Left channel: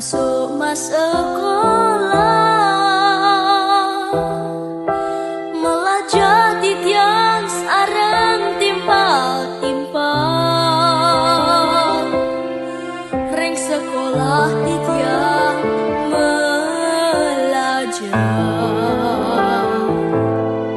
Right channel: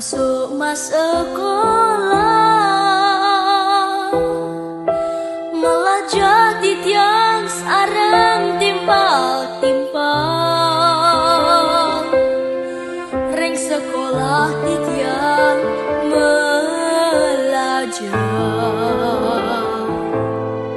Mas sekolah malah jadi tiang sareng timpal-timpal. Reng sekolah di tiang belajar.